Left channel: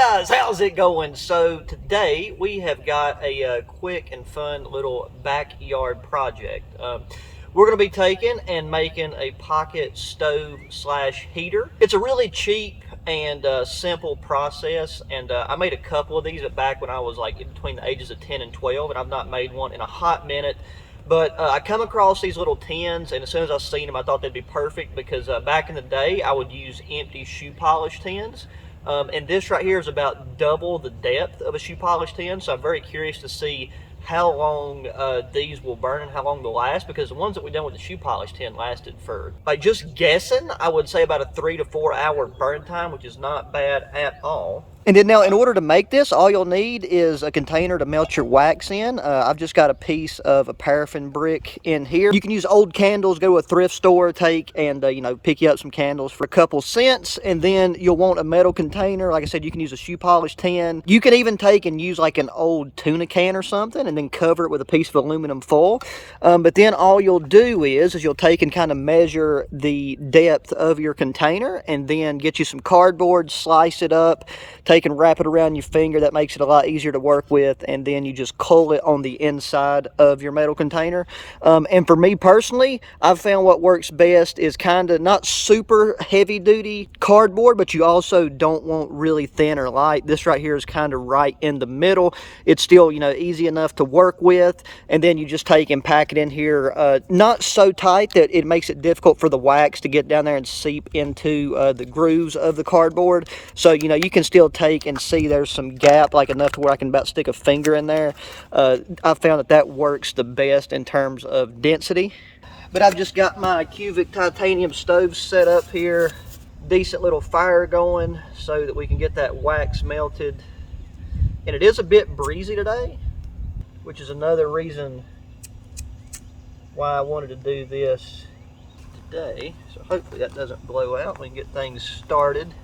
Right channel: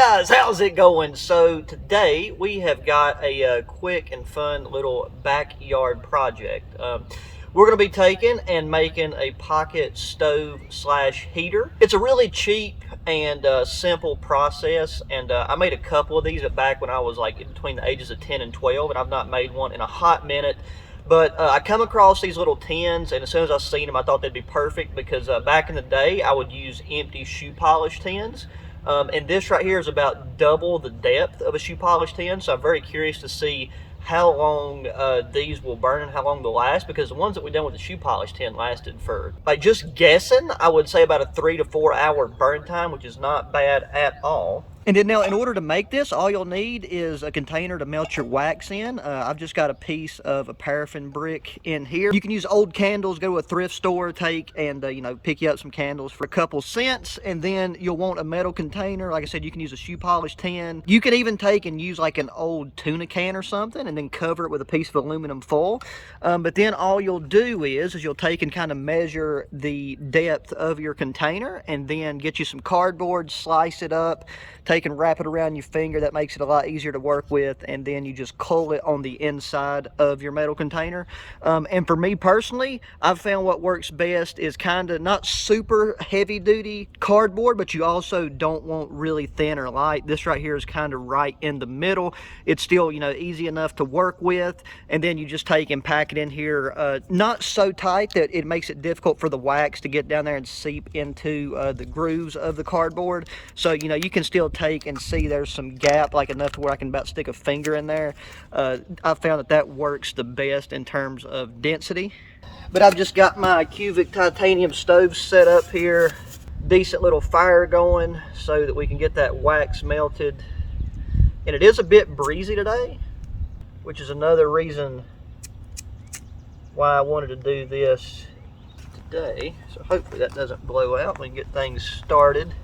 guys, how's it going? So today we have got a quick and fun little backyard project. We're going to be taking and making a pocket stove slash heater. It's a really cheap and simple process, and I made a couple of these back when I was like in between the ages of 10 and 12, and I've not made one in a hot minute. But I come across these little tins, and as soon as I seen them, I thought they'd be perfect because back in the day, I would use empty shoe polish tins. And this right here is about double the depth of a shoe polish tin, so I'm very curious to see how long these will burn and how long they'll last, because the ones that we done with the shoe polish tin lasted for, like, just guessing, I would say about a 3 to 4 hour burn time, which is not bad at all. And then now, in order to make this, all you'll need is a container to melt your wax in. I've just got a piece of a paraffin brick in here. You can use old candles, go to a thrift store, take and, pick you up some candles for a couple cents. And then you'll want a metal container. Like I said, you can use a shoe polish tin. You can even take and use like an old tuna can or something and then cover it with a piece of aluminum foil. But then all you'll do is you'll take and kind of measure the depth of your container and then get you some cardboard, slice it up, take and wrap it around your finger. That makes it a lot easier to work with, and then you just coil it on the inside of your metal container. And for me personally, I've found what works best is kind of not super heavy duty cardboard, but you also don't want really thin or light. This right here is kind of right in the middle. It's still, easy enough to work with, and then you just take and pack it in here, not so tight that it makes it difficult for the wax to get down there and seep into the grooves of the cardboard. So you can still take and see there's some gap, like enough to where I can about stick a finger in there. I found that works the best in terms of density. But I've just got my cubic titanium stove set up here, decent little fire going so that we can get that wax melted. And it is a bit breezy today, which is another reason why I wanted to do this today. So hopefully that doesn't blow out. We can get things started.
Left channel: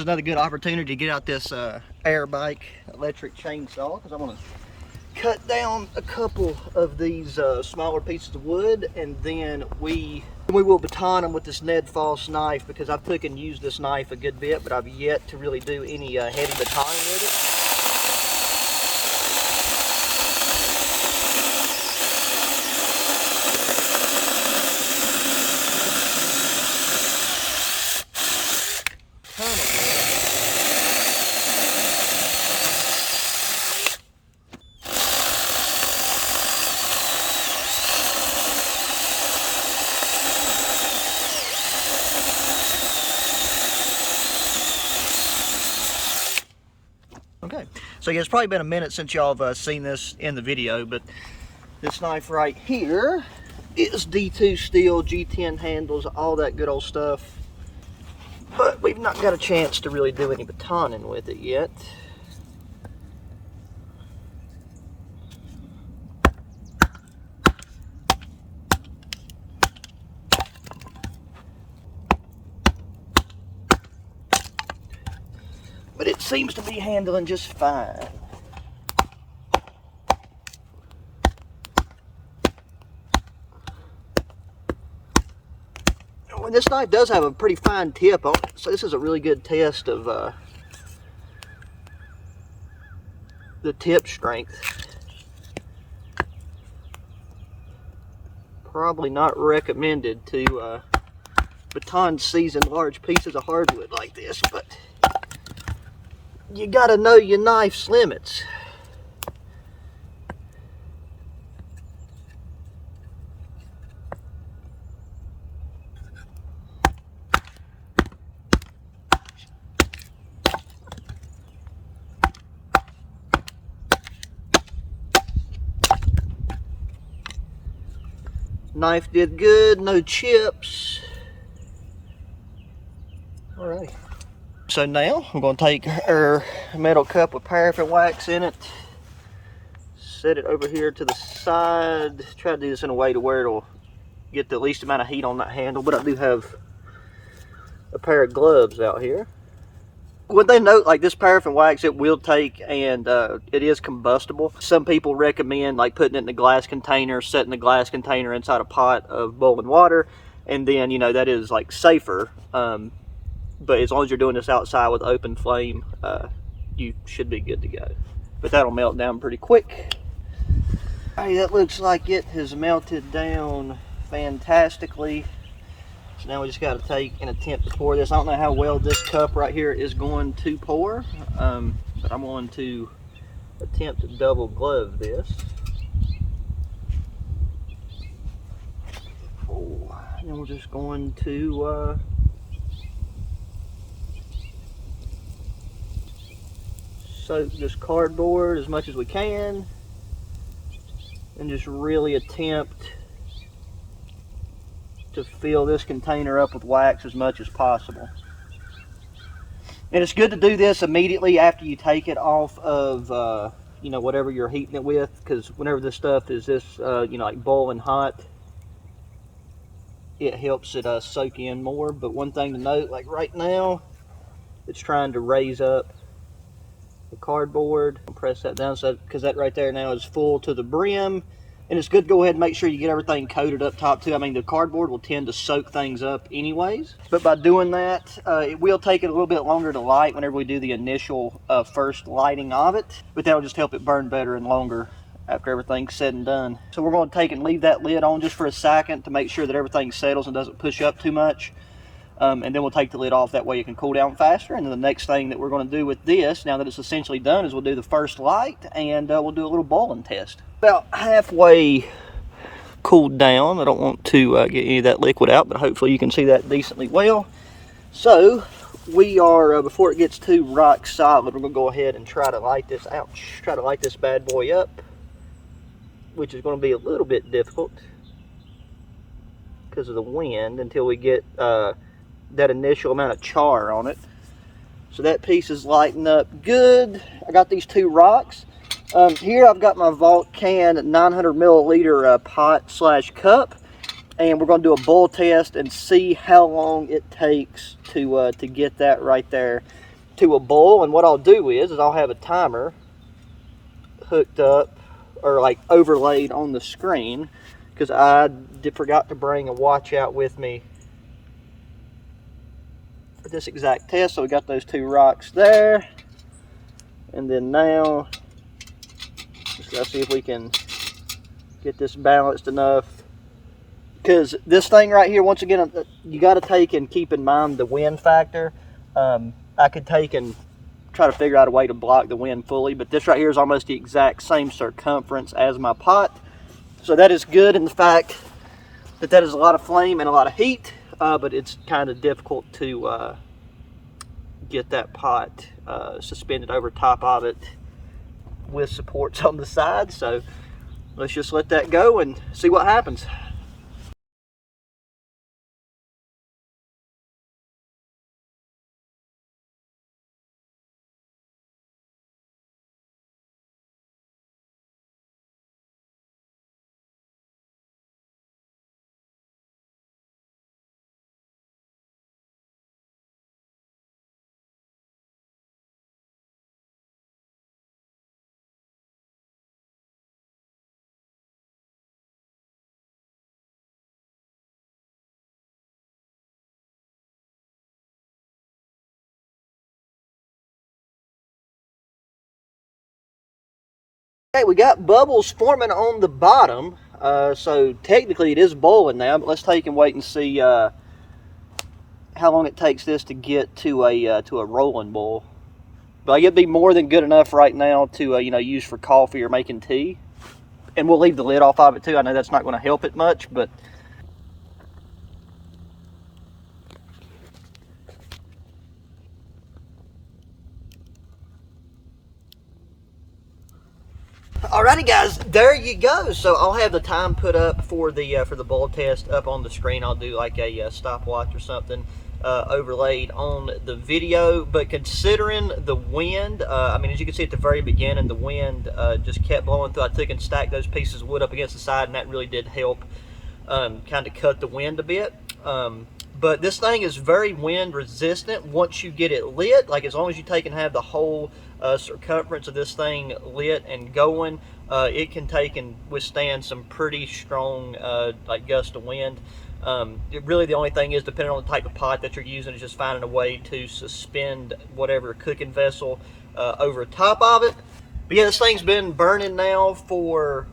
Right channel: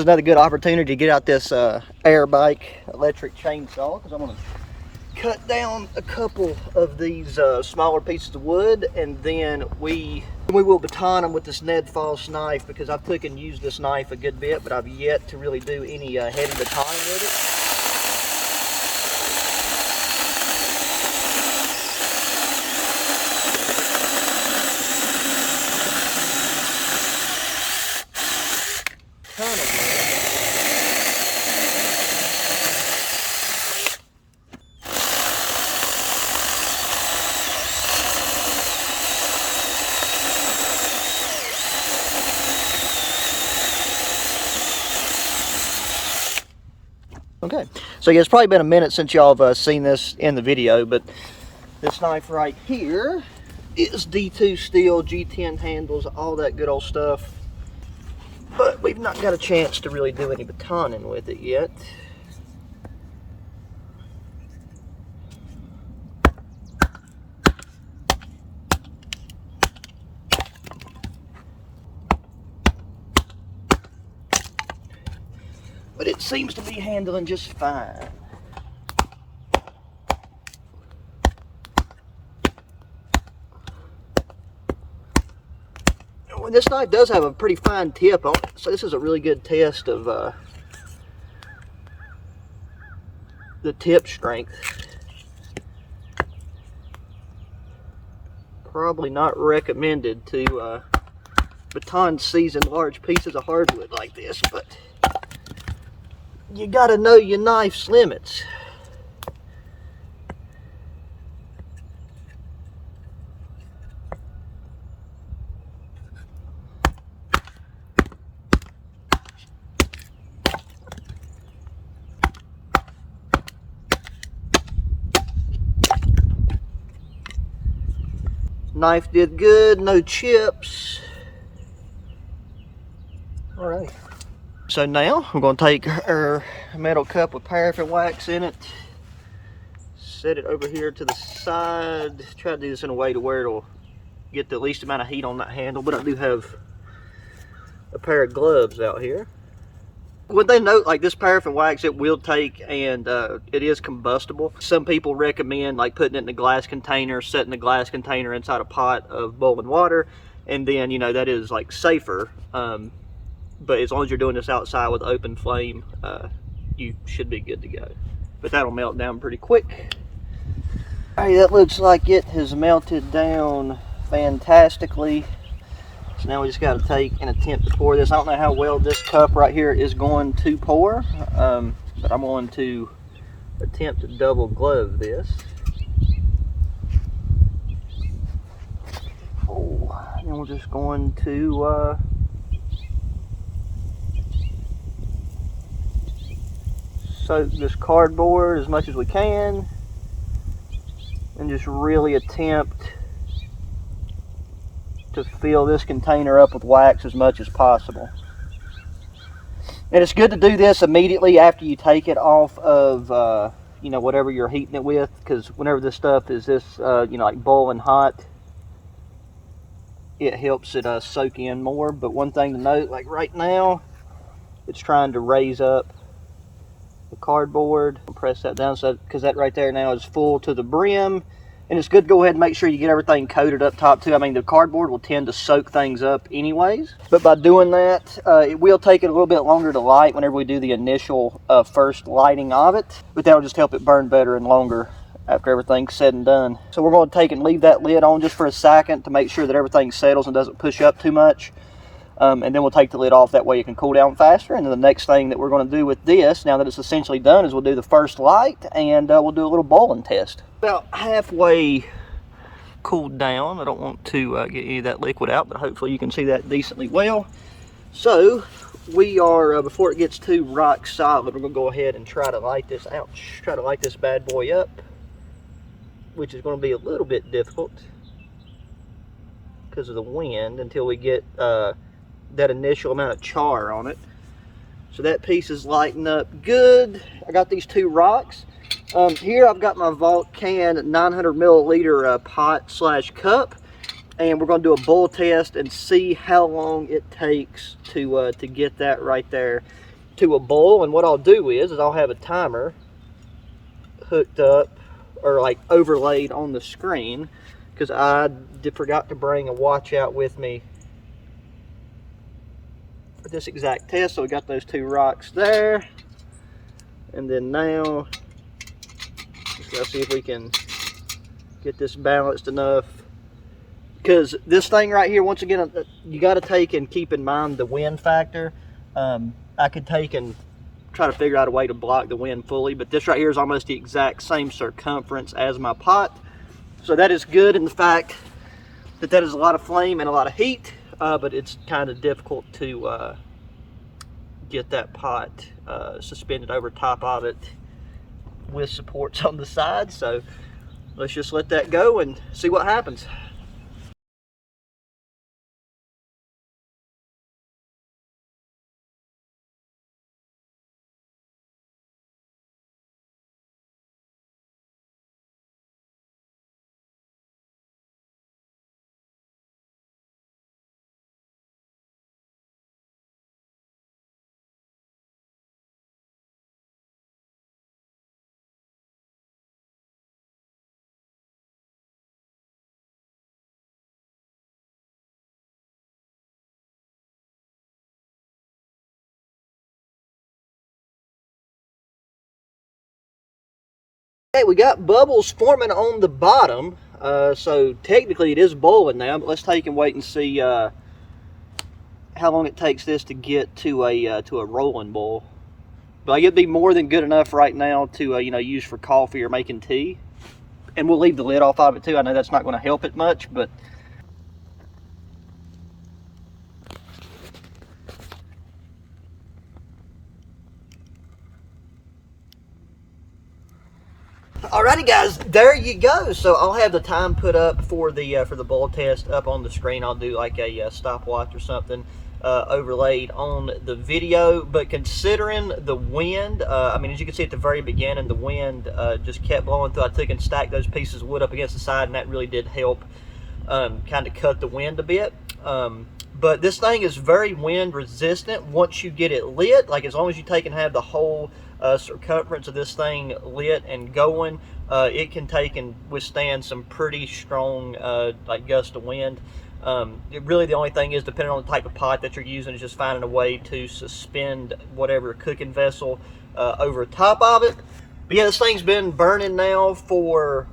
Another good opportunity to get out this air bike electric chainsaw, because I'm going to cut down a couple of these smaller pieces of wood, and then we will baton them with this Ned Foss knife, because I've took and used this knife a good bit, but I've yet to really do any heavy batoning with it. Okay, so yeah, it's probably been a minute since y'all have seen this in the video, but this knife right here is D2 steel, G10 handles, all that good old stuff. But we've not got a chance to really do any batoning with it yet. But it seems to be handling just fine. Well, this knife does have a pretty fine tip on it, so this is a really good test of the tip strength. Probably not recommended to baton season large pieces of hardwood like this, but you gotta know your knife's limits. Knife did good, no chips. Alright. So now I'm going to take our metal cup with paraffin wax in it, set it over here to the side, try to do this in a way to where it'll get the least amount of heat on that handle, but I do have a pair of gloves out here. Would they note, like, this paraffin wax, it will take, and it is combustible. Some people recommend like putting it in a glass container, setting the glass container inside a pot of boiling water, and then, you know, that is like safer. But as long as you're doing this outside with open flame, you should be good to go. But that'll melt down pretty quick. Alright, that looks like it has melted down fantastically. So now we just got to take and attempt to pour this. I don't know how well this cup right here is going to pour, but I'm going to attempt to double glove this. Oh, and then we're just going to soak this cardboard as much as we can, and just really attempt to fill this container up with wax as much as possible. And it's good to do this immediately after you take it off of you know, whatever you're heating it with, because whenever this stuff is this you know, like boiling hot, it helps it soak in more. But one thing to note, like right now, it's trying to raise up the cardboard. I'll press that down, so because that right there now is full to the brim. And it's good to go ahead and make sure you get everything coated up top too. I mean, the cardboard will tend to soak things up anyways. But by doing that, it will take it a little bit longer to light whenever we do the initial first lighting of it. But that'll just help it burn better and longer after everything's said and done. So we're going to take and leave that lid on just for a second to make sure that everything settles and doesn't push up too much. And then we'll take the lid off, that way it can cool down faster. And then the next thing that we're going to do with this, now that it's essentially done, is we'll do the first light, and we'll do a little boiling test. About halfway cooled down. I don't want to get any of that liquid out, but hopefully you can see that decently well. So we are, before it gets too rock solid, we're going to go ahead and try to light this, try to light this bad boy up, which is going to be a little bit difficult because of the wind until we get that initial amount of char on it. So that piece is lighting up good. I got these two rocks. Here I've got my Vault Can 900 milliliter pot slash cup, and we're going to do a boil test and see how long it takes to get that right there to a boil. And what I'll do is I'll have a timer hooked up, or like overlaid on the screen, because I forgot to bring a watch out with me for this exact test. So we got those two rocks there, and then now let's see if we can get this balanced enough, because this thing right here, once again, you got to take and keep in mind the wind factor. I could take and try to figure out a way to block the wind fully, but this right here is almost the exact same circumference as my pot. So that is good in the fact that that is a lot of flame and a lot of heat, but it's kind of difficult to get that pot suspended over top of it with supports on the side. So let's just let that go and see what happens. Okay, we got bubbles forming on the bottom, so technically it is boiling now, but let's take and wait and see how long it takes this to get to a rolling boil. But it'd be more than good enough right now to you know, use for coffee or making tea. And we'll leave the lid off of it too. I know that's not going to help it much, but alrighty guys, there you go. So I'll have the time put up for the boil test up on the screen. I'll do like a stopwatch or something overlaid on the video. But considering the wind, I mean, as you can see at the very beginning, the wind just kept blowing through. I took and stacked those pieces of wood up against the side, and that really did help kind of cut the wind a bit. But this thing is very wind resistant once you get it lit. Like, as long as you take and have the whole circumference of this thing lit and going, it can take and withstand some pretty strong like gust of wind. Really, the only thing is, depending on the type of pot that you're using, is just finding a way to suspend whatever cooking vessel over top of it. But yeah, this thing's been burning now for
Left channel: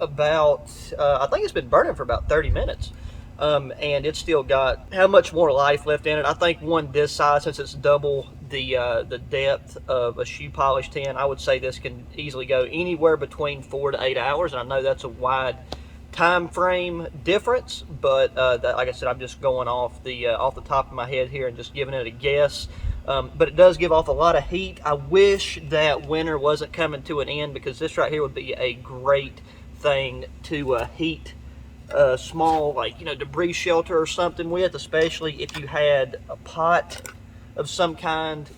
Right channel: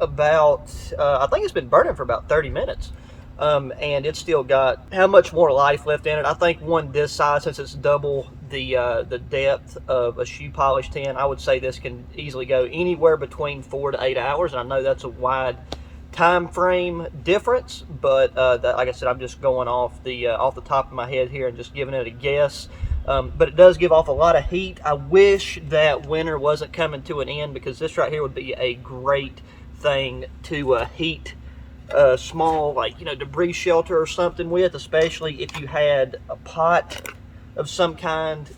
about, I think it's been burning for about 30 minutes. And it's still got how much more life left in it. I think one this size, since it's double the depth of a shoe polish tin, I would say this can easily go anywhere between 4 to 8 hours. And I know that's a wide time frame difference, but like I said, I'm just going off the top of my head here and just giving it a guess. But it does give off a lot of heat. I wish that winter wasn't coming to an end, because this right here would be a great thing to heat small, like, debris shelter or something with, especially if you had a pot of some kind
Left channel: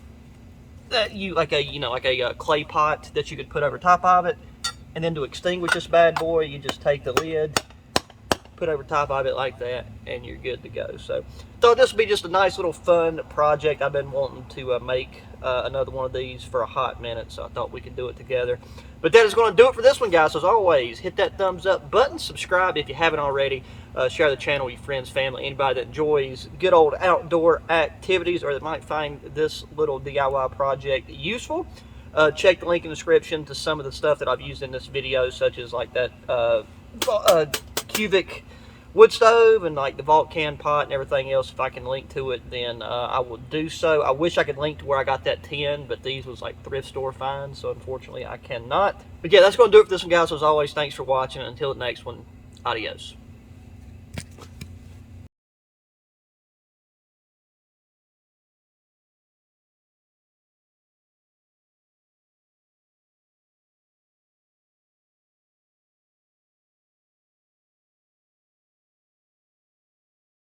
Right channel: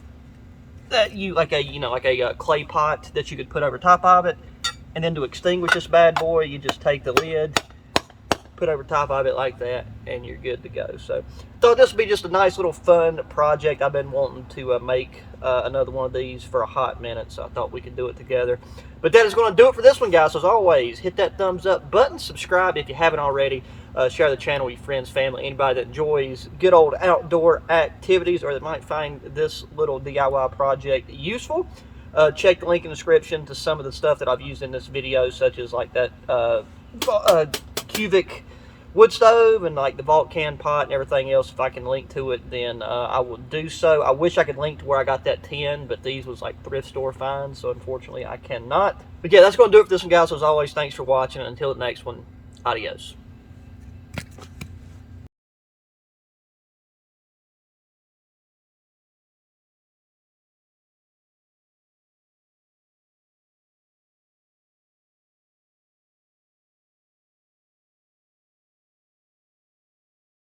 that you like a clay pot that you could put over top of it. And then to extinguish this bad boy, you just take the lid, put over top of it like that, and you're good to go. So thought this would be just a nice little fun project. I've been wanting to make another one of these for a hot minute, so I thought we could do it together. But that is going to do it for this one, guys. So as always, hit that thumbs up button, subscribe if you haven't already, share the channel with your friends, family, anybody that enjoys good old outdoor activities or that might find this little DIY project useful. Check the link in the description to some of the stuff that I've used in this video, such as like that cubic wood stove and like the Vulcan pot and everything else. If I can link to it, then I will do so. I wish I could link to where I got that tin, but these was like thrift store finds, so unfortunately I cannot. But yeah, that's going to do it for this one, guys. So as always, thanks for watching. Until the next one, adios.